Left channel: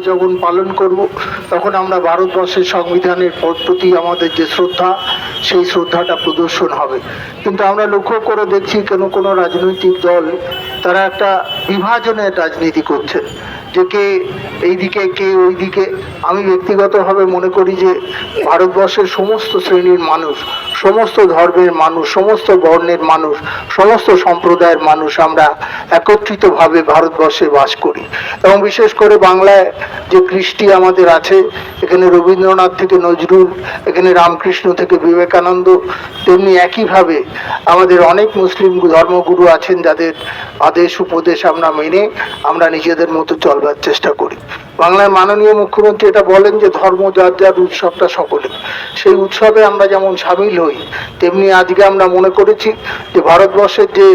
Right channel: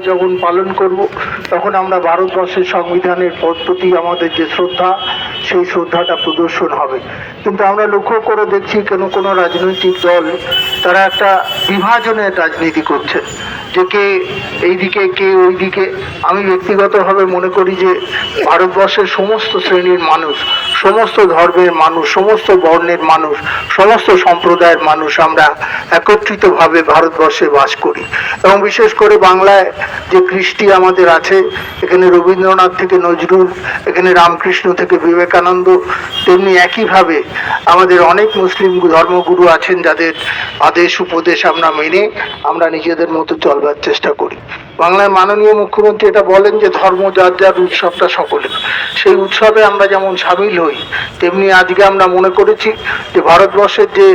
যখন পালন করব, তখন আমরা ভারতবর্ষের সংবিধানের প্রতি আমাদের যে শ্রদ্ধা, সেই শ্রদ্ধাটা প্রদর্শন হবে। কিন্তু আমরা লক্ষ্য করে দেখছি কোনো কোনো রাজনৈতিক দল, তারা একটা বিভাজনের রাজনীতি করছে। যে কে এইদিকে কে ওইদিকে। আমি ব্যক্তিগতভাবে মনে করি যে ভারতবর্ষের সমস্ত শ্রেণির মানুষ, সমস্ত ধর্মের মানুষ, সমস্ত বর্ণের মানুষ, সমস্ত সম্প্রদায়ের মানুষ আমরা একত্রিতভাবে ভারতবর্ষে বাস করি। এবং বিশেষ করে বাংলায় যে কৃষ্টি আমাদের আছে, এখানে রবীন্দ্রনাথ থেকে নজরুল, এখানে রামকৃষ্ণ থেকে বিবেকানন্দ, তেমনি একইভাবে আমাদের অনেক মুসলিম ধর্মগুরু আছেন যাদের আদেশ, উপদেশ আমরা মেনে আমরা নিজেদের মতো চলবার চেষ্টা করি। বাংলার মাননীয় মুখ্যমন্ত্রী এটা বলেন যে ধর্ম যার যার উৎসবটা সকলের। সেই উৎসবে আমরা যেমন সামিল হই, তেমনি আজকে আমরা মনে করেছি যে ভারতবর্ষের যে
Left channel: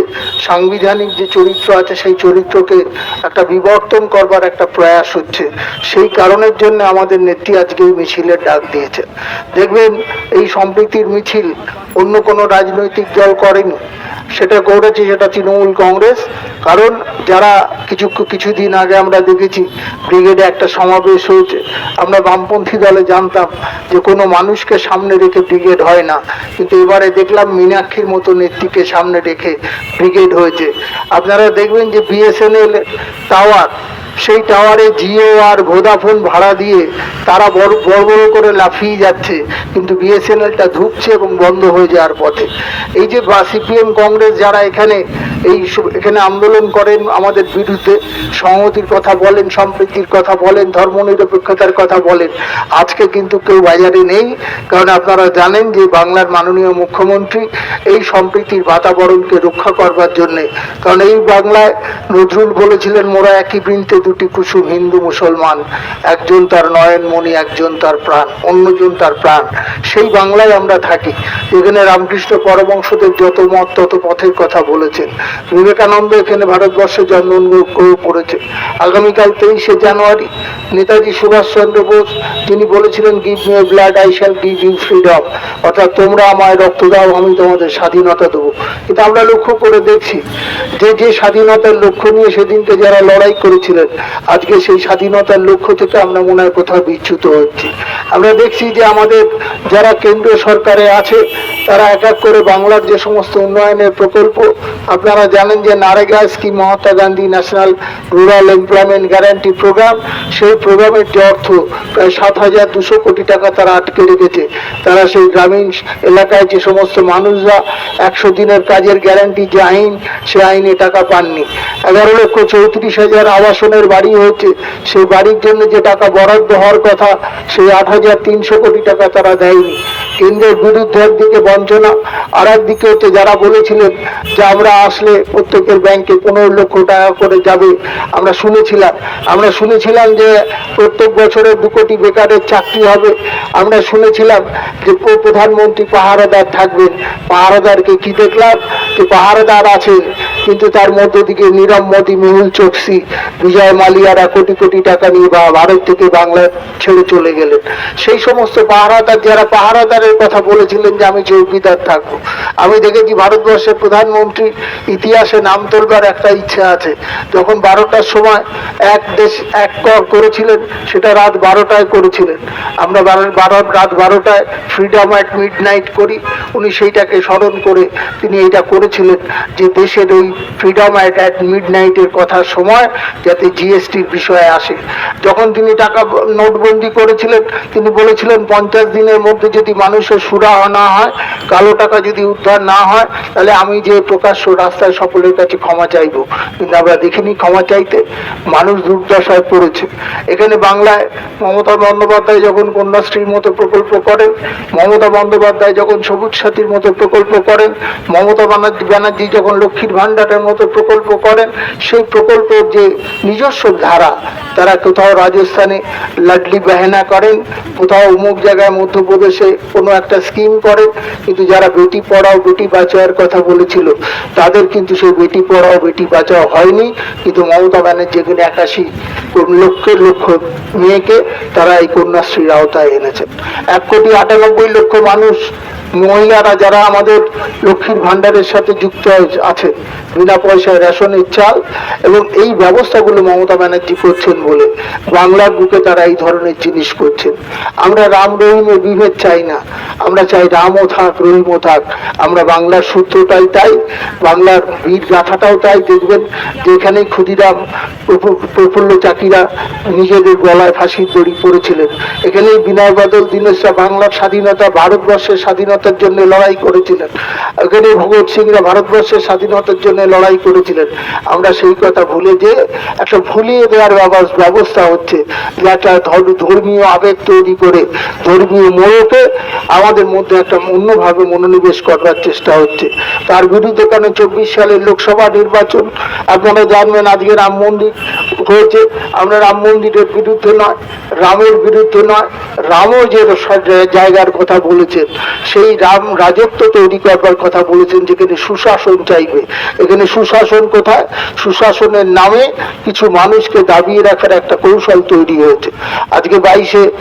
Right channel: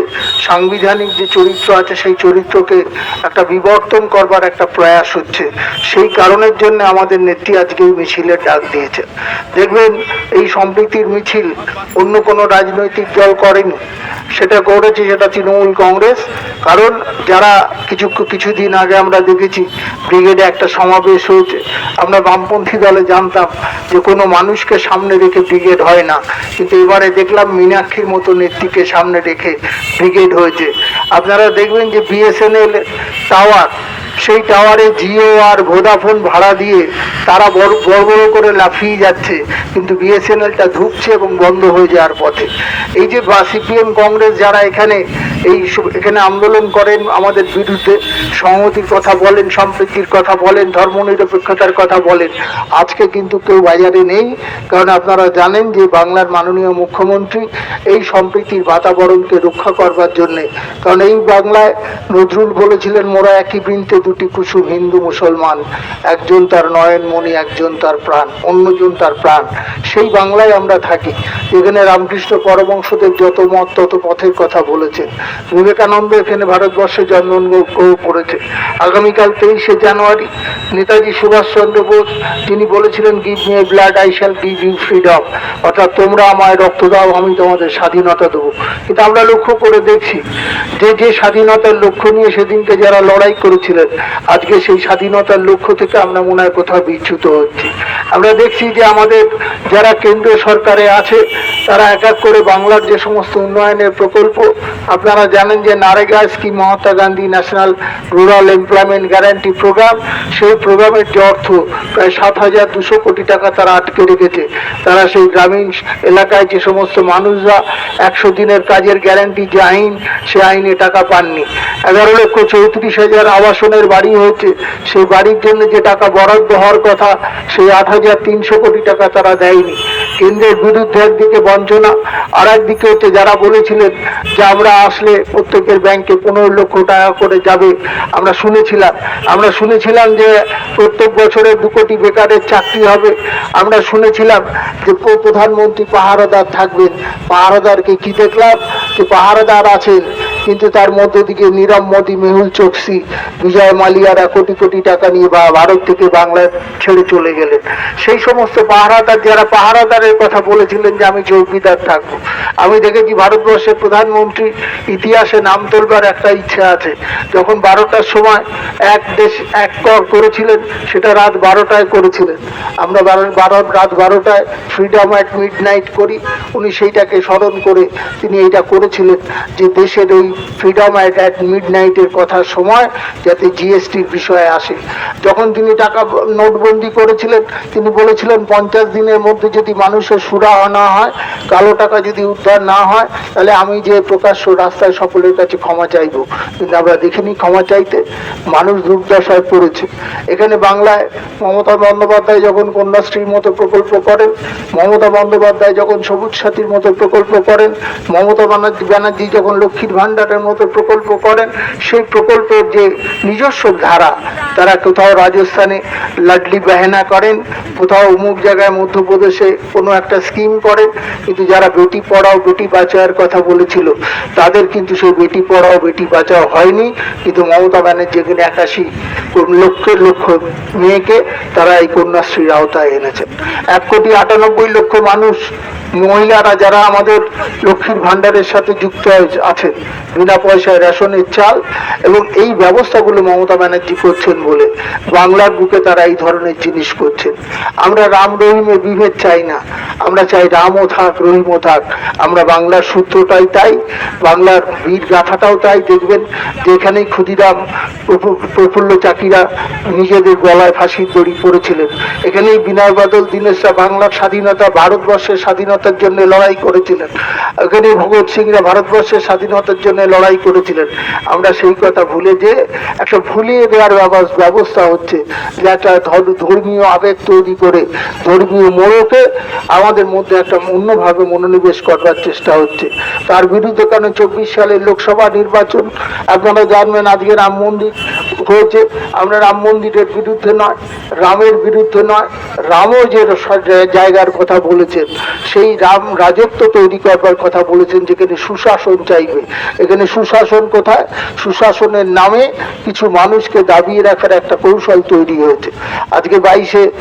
সাংবিধানিক যে চরিত্র আছে, সেই চরিত্রকে একটা বিবর্তন করবার একটা প্রয়াস হচ্ছে। সেই কারণের জন্য আমাদের নেত্রী আজকে এই মিছিলের ডাক দিয়েছে। দেখবেন এই সম্প্রীতির মিছিল অন্য কোনো রাজনৈতিক দল করেনি। সেটা করেছে সেটা তৃণমূল কংগ্রেস। কারণ যারা কিছু, কিছুদিন আগে আমরা দেখেছি। ব্রিগেডে একটা সমাবেশ হয়েছে। আমরা বামপন্থী দলে জানতাম যে কোনো মানুষকে সামনে রেখে ব্রিগেড হয় না। কিন্তু এবারে দেখলাম মীনাক্ষীর মতো নেত্রীকে সামনে রেখে ব্রিগেড হয়েছে। আপনারা দেখবেন যে বিএসএনএল টাওয়ার সেই টাওয়ারে জিও আর ভোডাফোন ভাড়া দিয়ে তারা বড় বড় করে লাফিয়ে যাচ্ছে। কিন্তু বিএসএনএলটা ধুকছে এবং বন্ধ হয়ে যাওয়ার পথে। এই যে সিপিএম কংগ্রেস যারা এখানে, এই এখানে আন্দোলন করেন আমাদের বিরুদ্ধে, সংহতির কথা বলেন, সম্প্রীতির কথা বলেন, ধর্মনিরপেক্ষতার কথা বলেন, আজকে কিন্তু কেউ বাজারে নেই। কারণ আপনারা জানেন যে বাংলার মাননীয় মুখ্যমন্ত্রী এই সম্প্রীতির বাতাবরণকে রক্ষা করবার জন্যে, কারণ এই বাংলায় নজরুল বলেছিলেন, মোরা একই বৃন্তে দুটি কুসুম হিন্দু মুসলমান, একজন তার নয়নমণি একজন তার প্রাণ, অন্যজন তার প্রাণ। সেই বাংলায় আমরা থাকি। এখানে রামকৃষ্ণ পরবংশদের যত মত, তত পথের কথা বলেছেন। বিবেকানন্দ এখানে ভারতবর্ষে জন্মগ্রহণ করেছে। আগামীকাল তেইশে জানুয়ারি নেতাজি সুভাষচন্দ্র বোস, তিনি বলেছিলেন give me blood I shall give you freedom অর্থাৎ তোমরা আমায় রক্ত দাও, আমি তোমাদের স্বাধীনতা দেবো। কিন্তু আমরা লক্ষ্য করে দেখছি যে যে স্বাধীনতার লক্ষ্য নিয়ে সেদিনকে যারা লড়াই করেছিলেন, আজকে সেই স্বাধীনতার লক্ষ্য থেকে আমরা মনে হয় কোথাও বিচ্যুত হচ্ছি। আমরা দেখছি যে, আমাদের যারা কেন্দ্রীয় সরকারে আছে, তারা এক এক করে বাংলার যে সমস্ত উন্নয়নের প্রকল্প, আপনারা জানেন যে, NREGA scheme, Mahatma Gandhi national rural employment guarantee programme, সেই প্রোগ্রামের যে অর্থ, প্রায় সাত হাজার দুশো কোটি টাকা তারা আটকে রেখেছে। তারা সেই গ্রামীণ এলাকায় যে সমস্ত মানুষরা একশো দিনের কাজের গ্যারান্টি যে আইন, সে আইনে টাকা পাননি। এগারো লক্ষ চৌত্রিশ হাজার আবাসনের বাড়ি হয়েছে। সেই বাড়ির জন্য যে টাকা বরাদ্দ হওয়ার কথা, সেই আট হাজার তিনশো কোটি টাকা তারা দেয়নি। কেন্দ্রের বিরুদ্ধে একদিকে বঞ্চনা আর একদিকে হচ্ছে যারা বলেছিলেন যে আমরা আসলে প্রত্যেকের ব্যাংকে পনেরো লক্ষ টাকা করে যাবে। আমরা শুনেছিলাম আমরা শুনেছিলাম যে প্রত্যেক বছরে দু কোটি বেকারের চাকরি হবে। আমরা শুনেছিলাম যে প্র- প্রধানমন্ত্রী পাহারাদার থাকবেন। পাহারাদারকে কি দেখলাম? যে পাহারাদার আছেন। কিন্তু তার মধ্যে দিকে নীরব মোদী মেহুল চোকসি, বিজয় মালিয়ারা কোটি কোটি টাকা নিয়ে বা ভারত থেকে বাংলা ছেড়ে চলে গেলেন। সেই সমস্ত পাহারাদার যারা পাহারাদারের কথা বলেছিলেন যে আমি চৌকিদার থাকব, আমি দেখেছি ভারতবর্ষের প্রধানমন্ত্রী ইতিহাসে নাম তোলবার একটা ইচ্ছা আছে। যখন বারোটার সময় এক দেশ এক কর করেছিলেন, সেটা রাত বারোটায় করেছিলেন। আমরা বারো বারো রাত বারোটায় ফ্রিডম অ্যাট মিড নাইট করি। উনি সেইটাকে স্মরণ করে তিনি এইটা করেছিলেন যে দেশের ওই ফ্রিডম অ্যাট অ্যাট মিড নাইটের কথার সময় যাতে জিএসটির বিষয়ে আসে। যখন তিনি টাকা নোটবন্দি করেছিলেন, তিনি বলেছিলেন, পঞ্চাশ দিনের মধ্যে যদি মানুষের সুরা না হয়, কালো টাকা যদি উদ্ধার না হয়, তাহলে আমি যে প্রকাশ্য রাস্তায় সকলের কাছে ক্ষমা চাইব। কিন্তু আমরা দেখিনি ক্ষমা চাইতে, মানুষ দুর্দশায় পড়েছে। এখানে বাংলায় মমতা বন্দ্যোপাধ্যায় যখন কন্যাশ্রীর মতো প্রকল্প করেন, মমতা বন্দ্যোপাধ্যায় যখন সবুজ সাথীর মতো প্রকল্প করেন, মমতা ব্যানার্জি যখন লক্ষ্মীর ভাণ্ডারের মতো প্রকল্প করেন, সেই প্রকল্পের যে নিজস্ব ধারা, তারা কোথাও রাজস্থানে লাডলি বেহেনা করেন, কোথাও অমুক জায়গায় মধ্যপ্রদেশে কোনো একটা স্কিম করেন, কিন্তু যারা বেটি পড়াও, বেটি বাঁচাওয়ার কথা বলেছিল, তাদের কিন্তু সেই বেটি পড়াও, বেটি বাঁচাও হয়নি। কিন্তু মমতা ব্যানার্জি এখানে একাশি লক্ষের লক্ষ মেয়েকে তারা এই কন্যাশ্রীর আওতায় এনেছেন। এক কোটি আটানব্বই লক্ষ মানুষ, মহিলারা যারা আমাদের লক্ষ্মীর ভাণ্ডারের সাথে যুক্ত আছেন বিনা পয়সায় রেশনের চাল এবং এই ব্যবস্থাগুলো মমতা ব্যানার্জি করছেন বলে বাংলার বুকে তারা এই ধরনের জিনিস করছেন। আমরা রাম রহিমের বিভেদ চাই না। আমরা চাই রামও থাক, রহিমও থাক। আমরা বাংলার সূত্রটাই তাই, বাংলার বীর গাথাটাও তাই। দেখবেন যে এখানেই ক্ষুদিরাম প্রফু- প্রফুল্ল চাকিরা নিজেদের গলায় ফাঁসির দড়ি পড়েছিলেন এখানেই বিনয় বাদল দীনেশরা বাংলার স্বাধীনতা, ভারতবর্ষের স্বাধীনতার জন্য লড়াই করেছিলেন। এখানে ভগৎ সিংরা ভারতবর্ষের স্বাধীনতার জন্য লড়াই করেছিলেন। আমরা সেই কথা ভুলে যে একটা ভুলিয়ে দেওয়ার ব্যবস্থা হচ্ছে যে একটা ধর্মীয় আবেগ তৈরি করে, ধর্মীয় মোড়কে আমাদের মধ্যে একটা অন্যভাবে মনোনিবেশ করবার চেষ্টা হচ্ছে। তার বিরুদ্ধে কেন চব্বিশ সালের লোকসভা নির্বাচন আপনারা জানবেন আজকে রাম মন্দির হয়েছে। আমরা রাম মন্দিরের বিরুদ্ধে নয়, রামের বিরুদ্ধে নয়, রামও যে জায়গার কথা বলেছেন, সেই রাম রাজত্ব তৈরি করবার কথা বলেছেন যেখানে সুশাসন চাইবে, এখানে সুশাসন কোথায়? সুশাসনের নামে কিছু মানুষকে দাবিয়ে রাখার একটা কৌশল তৈরি হয়েছে। আজকে বাইশে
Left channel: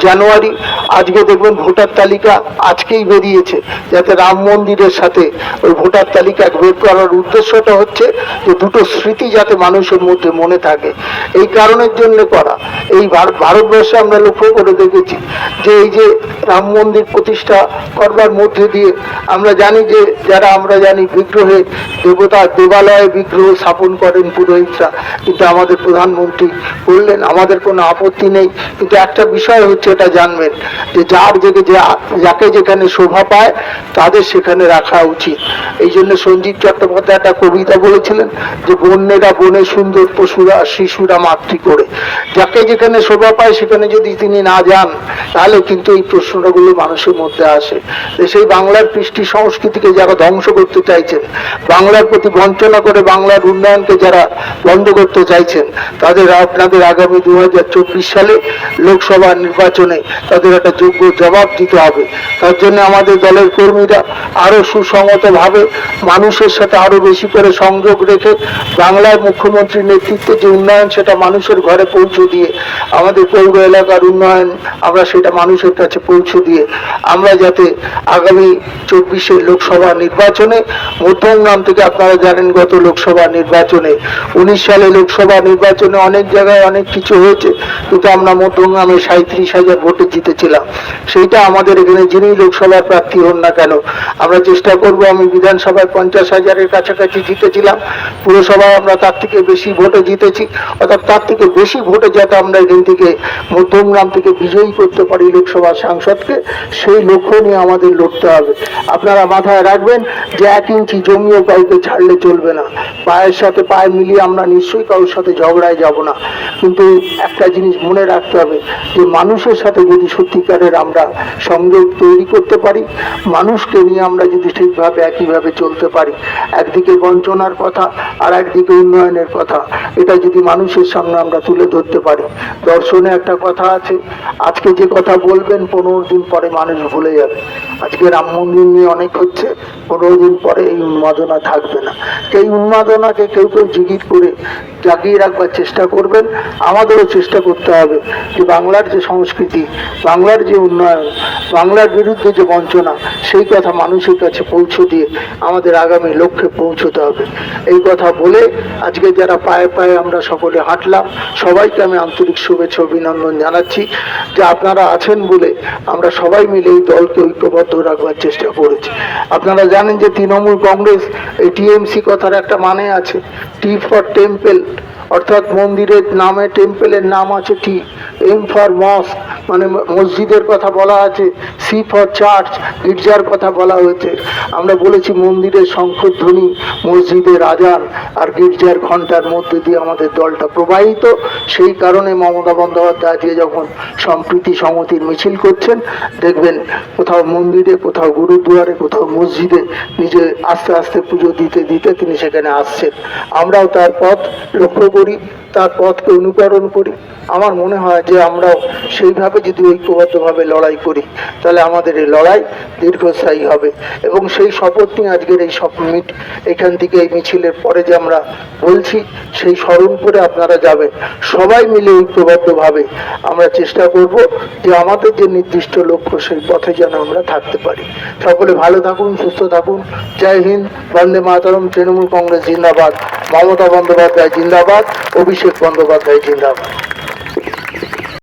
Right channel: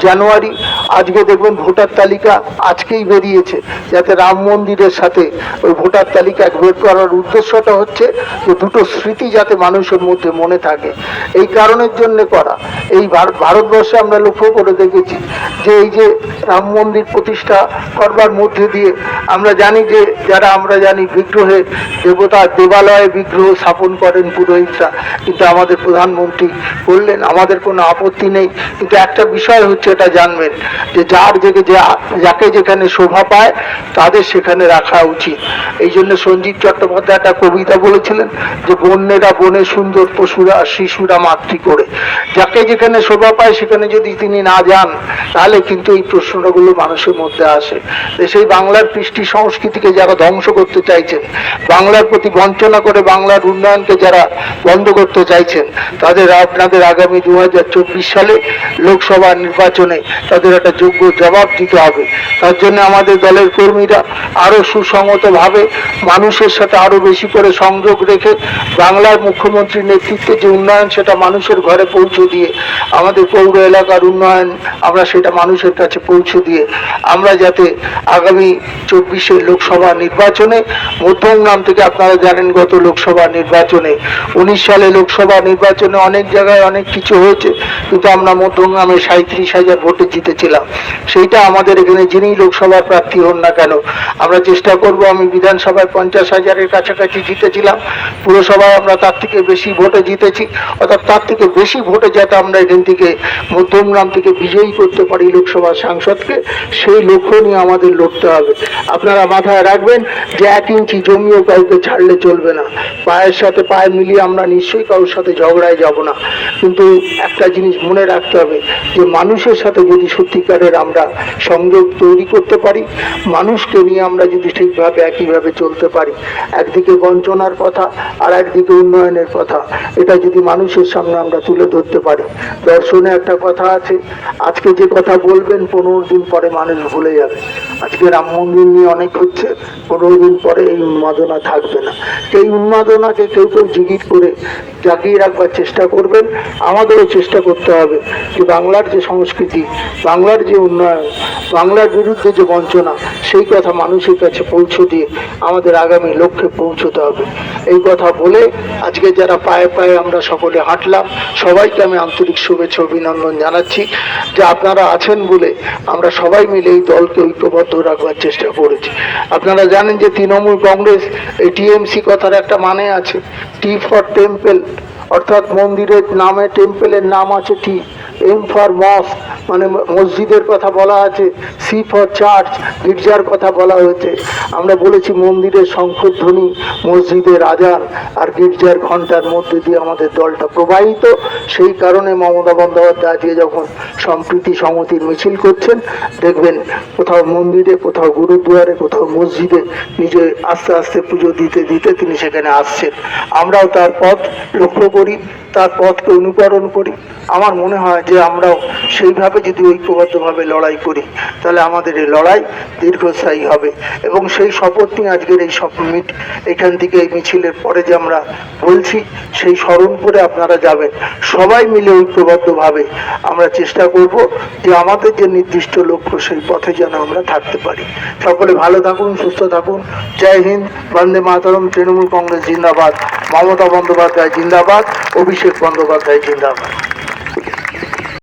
জানুয়ারি, আজকে দেখবেন ভোটার তালিকা আজকেই বেরিয়েছে, যাতে রাম মন্দিরের সাথে ওই ভোটার তালিকা বের করার উদ্দেশ্যটা হচ্ছে যে দুটো স্মৃতি যাতে মানুষের মধ্যে মনে থাকে। এই কারণের জন্য করা। এই ভার- ভারতবর্ষে আমরা লক্ষ্য করে দেখেছি যে এই যে রাম মন্দির প্রতিষ্ঠা করবার মধ্যে দিয়ে আমরা জানি যে, যারা আমরা জানি বিগ্রহে দেবতা দেবালয়ে বিগ্রহ স্থাপন করেন পুরোহিতরা। কিন্তু আমাদের প্রধানমন্ত্রী বললেন, আমাদের কোনো আপত্তি নেই। কিন্তু একটা বিষয় হচ্ছে, এটা জানবেন, যে যার যে যা- যাকে যেখানে শোভা পায়, তাদের সেখানে রাখা উচিত। এই জন্য সঞ্জীব চট্টোপাধ্যায় একটা কবিতা বলেছিলেন, যে বন্যেরা বনে সুন্দর পশুরা, শিশুরা মাতৃ করে। যাকে যেখানে শোভা পায়, সেখানে যদি তিনি না যান, তাহলে কিন্তু এই প্রশ্নগুলো মানুষের মধ্যে আসে। সেই বাংলার কৃষ্টি সংস্কৃতিকে যারা ধ্বংস করতে চাইছেন। বাংলার প্রতি বঞ্চনা করে বাংলার উন্নয়নকে যারা বন্ধ করতে চাইছেন, তাদের আপনাদের আগামী দু সালে লোকসভা নির্বাচনে তাদের একটা যোগ্য জবাব দিতে হবে। তার জন্য আমাদের দলের কর্মীরা আরও সুসংহতভাবে মানুষের সাথে আরও বেশি করে সংযোগ রেখে বাংলার মুখ্যমন্ত্রীর নেতৃত্বে যে উন্নয়ন, সেটা মানুষের ঘরে পৌঁছে দিয়ে আমাদের পৌর এলাকার উন্নয়ন আমরা সেটা মানুষের কাছে পৌঁছে দিয়ে আমরা যাতে আগামী চব্বিশে লোকসভা নির্বাচনে মধ্যমগ্রাম থেকে আপনারা জানেন গত লোকসভা নির্বাচনে, উনিশ সালে লোকসভা নির্বাচনে অনেক জায়গায় অনেক কিছু হয়েছে, কিন্তু আমরা মধ্যম মধ্যমগ্রামে সাঁত্রিশ হাজার ভোটে জিতেছিলাম। সেইটা আমাদের এখানে যিনি লোকসভার প্রার্থী হন না কেন, আমরা চেষ্টা করব আমি বিধানসভায় পঞ্চাশ হাজারের কাছাকাছি জিতেছিলাম, পুরসভায় আমরা তার থেকে বেশি ভোটে জিতেছি, অর্থাৎ তার থেকে বেশি ভোটে যাতে আমরা এখান থেকে মধ্যমগ্রাম থেকে বিজয়ী করতে পারি লোকসভা সাংসদকে, সেই লক্ষ্য নিয়ে আমাদের লড়তে হবে। আপনারা মাথায় রাখবেন যে এক ইঞ্চি জমিও কাউকে ছাড়লে চলবে না। পায়ের সাথে পায়ে মিলিয়ে আমরা নিশ্চয়ই কারোর সাথে ঝগড়ায় যাব না। কিন্তু একটা জিনিস মনে রাখতে হবে যে, মানুষের সাথে যদি সত্যিকারের আমরা সংযোগ তৈরি করতে পারি, মানুষকে নিয়ে আমরা যদি ঠিকভাবে, একইভাবে চলতে পারি, একদিকে বঞ্চনার কথা আর একদিকে উন্নয়নের কথা, এটা যদি মানুষের সামনে আমরা তুলে ধরতে পারি। দর্শনে একটা কথা আছে, আজকে যে কথা বলবেন, পনেরো দিন পরে মানুষ ভুলে যাবে। আজকে রাম মন্দির নিয়ে অনেক হচ্ছে, পনেরো দিন পরে এই উন্মাদনা থাকবে না। এই উন্মাদনাকে কেউ কেউ জিগির করে জাগিয়ে রাখবার চেষ্টা করবেন। আমাদেরও চেষ্টা করতে হবে যে বাংলার যে সংস্কৃতি, বাংলার যে উন্নয়ন, বাংলার বিরুদ্ধে যে বঞ্চনা, সেই কথা মানুষের কাছে পৌঁছে দিয়ে আমাদের আগামী লক্ষ্যে পৌঁছতে হবে। এই কথা বলে আজকে যারা পায়ে পায়ে আমরা সকলে হাঁটলাম, সবাইকে আমি আন্তরিক শুভেচ্ছা অভিনন্দন জানাচ্ছি যে আপনারা আছেন বলে আমরা সবাই মিলে এই দলকে ঐক্যবদ্ধ রাখবার চেষ্টা করেছি। আপনারা জানেন যে তৃণমূল কংগ্রেস, এই টিএমসি কথার একটা মানে আছে, টি ফর টেম্পল অর্থাৎ মন্দিরের নামে টেম্পেলের নাম আছে টি এম ফর মস্ক মানে মসজিদের কথা বলা আছে সি ফর চার্চ গির্জার কথা বলা হয়েছে। আমরা বলেছি মন্দিরের শঙ্খধ্বনি মসজিদের আজান আর গির্জার ঘণ্টার মধ্যে দিয়ে আমাদের দলটা প্রবাহিত। সেই কারণে মমতা বন্দ্যোপাধ্যায় আজকে যখন সম্প্রীতি সমতির মিছিল করছেন, দেখবেন কোথাও মন্দিরে, কোথাও গুরুদুয়ারে, কোথাও মসজিদে নিজে আস্তে আস্তে পুজো দিতে দিতে তিনি সেখানে আসছেন। আমরাও তার পথ লক্ষ্য করি, তার পথকে অনুকরণ করি। আমার মনে হয় যে আমরাও সেইভাবে যদি ঐক্যবদ্ধভাবে লড়াই করি, তাহলে আমাদের এই লড়াই দীর্ঘস্থায়ী হবে। এবং সেই শপথ নিয়ে আজকের এই সব মিট, এখান থেকে এই মিছিলের পরে যে আমরা বলছি, সেই স্মরণ করে আপনারা যাবেন। সবাই মিলে ঐক্যবদ্ধভাবে আমরা চেষ্টা করব যে আমাদের যে নির্দিষ্ট লক্ষ্য, সেই পথে যেন আমরা থাকতে পারি। সকলে ভালো থাকুন, সুস্থ থাকুন। জয় হিন্দ, বন্দে মাতরম, তৃণমূল কংগ্রেস জিন্দাবাদ। মমতা বন্দ্যোপাধ্যায় জিন্দাবাদ, অভিষেক বন্দ্যোপাধ্যায় জিন্দাবাদ।